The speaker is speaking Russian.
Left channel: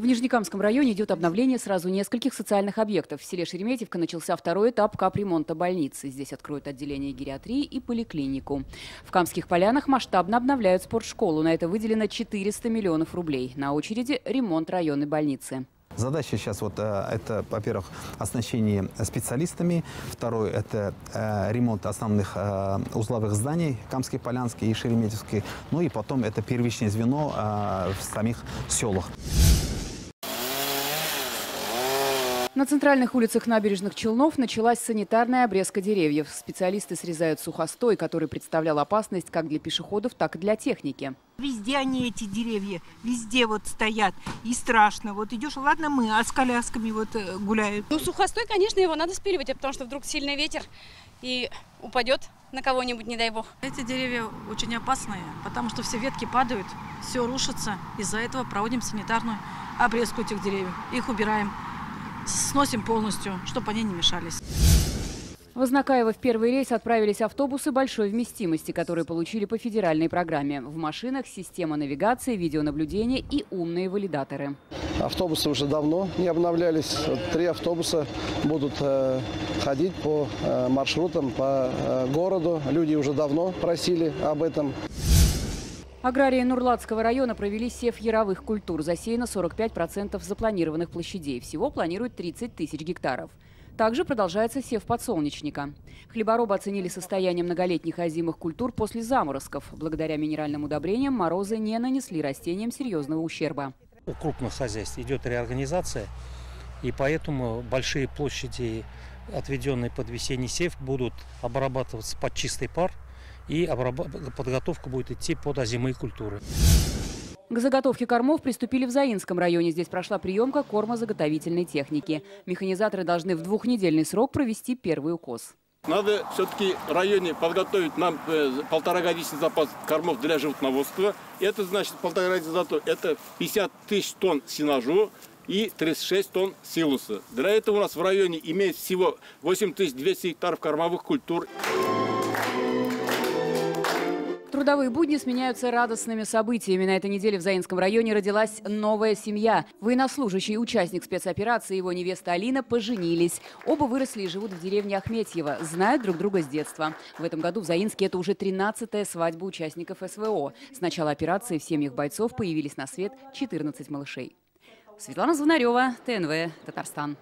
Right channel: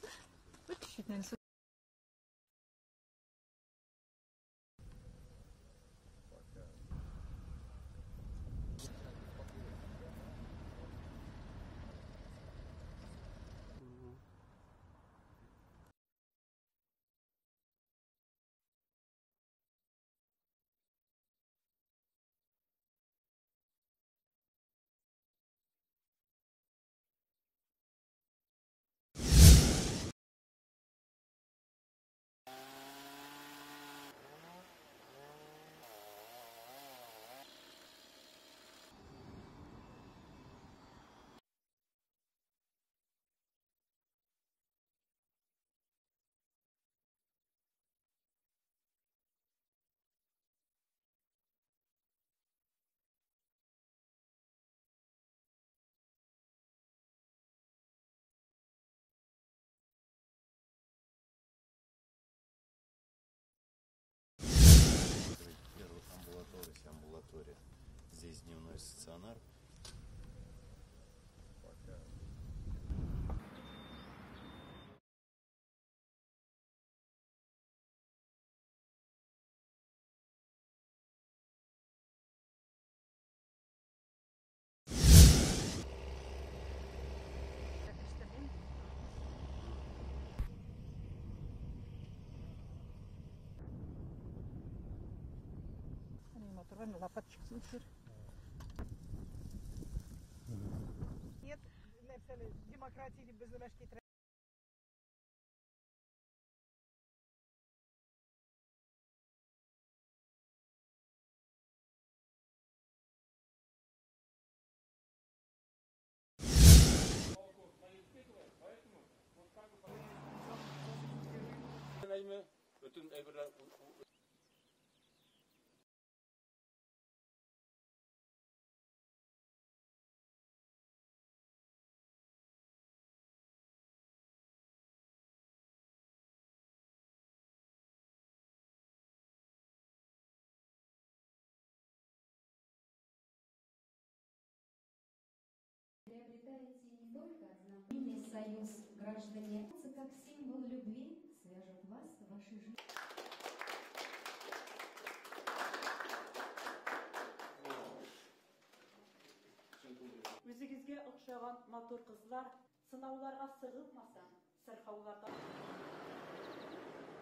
В Нижнекамском районе идет обновление сразу нескольких социальных объектов. В селе Шереметьевка начался второй этап капремонта больницы. Здесь откроют отделение гериатрии и поликлинику. В Камских Полянах масштабно обновляют спортшколу. На это выделено 400 миллионов рублей. На очереди ремонт районной больницы. Задача сейчас это, во-первых, оснащение специалистами. Второе – это ремонт основных узловых зданий Камской, Полянской и Шереметьевской. Ну и потом это первичное звено в самих селах. На центральных улицах набережных Челнов началась санитарная обрезка деревьев. Специалисты срезают сухостой, который представлял опасность как для пешеходов, так и для техники. Везде они, эти деревья, везде вот стоят. И страшно. Вот идешь, ладно мы, а с колясками вот гуляют. Ну, сухостой, конечно, его надо спиливать, потому что вдруг сильный ветер и упадет на кого-нибудь, не дай бог. Эти деревья очень опасные, потому что все ветки падают, все рушится. Из-за этого проводим санитарную обрезку этих деревьев. Их убираем. Сносим полностью, чтобы они не мешались. В Ознакаево в первый рейс отправились автобусы большой вместимости, которые получили по федеральной программе. В машинах система навигации, видеонаблюдения и умные валидаторы. Автобусы уже давно не обновлялись. 3 автобуса будут ходить по маршрутам, по городу. Люди уже давно просили об этом. Аграрии Нурлатского района провели сев яровых культур. Засеяно 45% запланированных площадей. Всего планируют 30 тысяч гектаров. Также продолжается сев подсолнечника. Хлеборобы оценили состояние многолетних озимых культур после заморозков. Благодаря минеральным удобрениям морозы не нанесли растениям серьезного ущерба. У крупных хозяйств идет реорганизация, и поэтому большие площади, отведенные под весенний сев, будут обрабатываться под чистый пар. И подготовка будет идти под озимые культуры. К заготовке кормов приступили в Заинском районе. Здесь прошла приемка кормозаготовительной техники. Механизаторы должны в 2-недельный срок провести первый укос. Надо все-таки в районе подготовить нам 1,5-годичный запас кормов для животноводства. Это значит 1,5-годичный запас, это 50 тысяч тонн сенажу и 36 тонн силуса. Для этого у нас в районе имеется всего 8200 гектаров кормовых культур. Трудовые будни сменяются радостными событиями. На этой неделе в Заинском районе родилась новая семья. Военнослужащий, участник спецоперации и его невеста Алина поженились. Оба выросли и живут в деревне Ахметьево. Знают друг друга с детства. В этом году в Заинске это уже 13-я свадьба участников СВО. С начала операции в семьях бойцов появились на свет 14 малышей. Светлана Звонарева, ТНВ, Татарстан.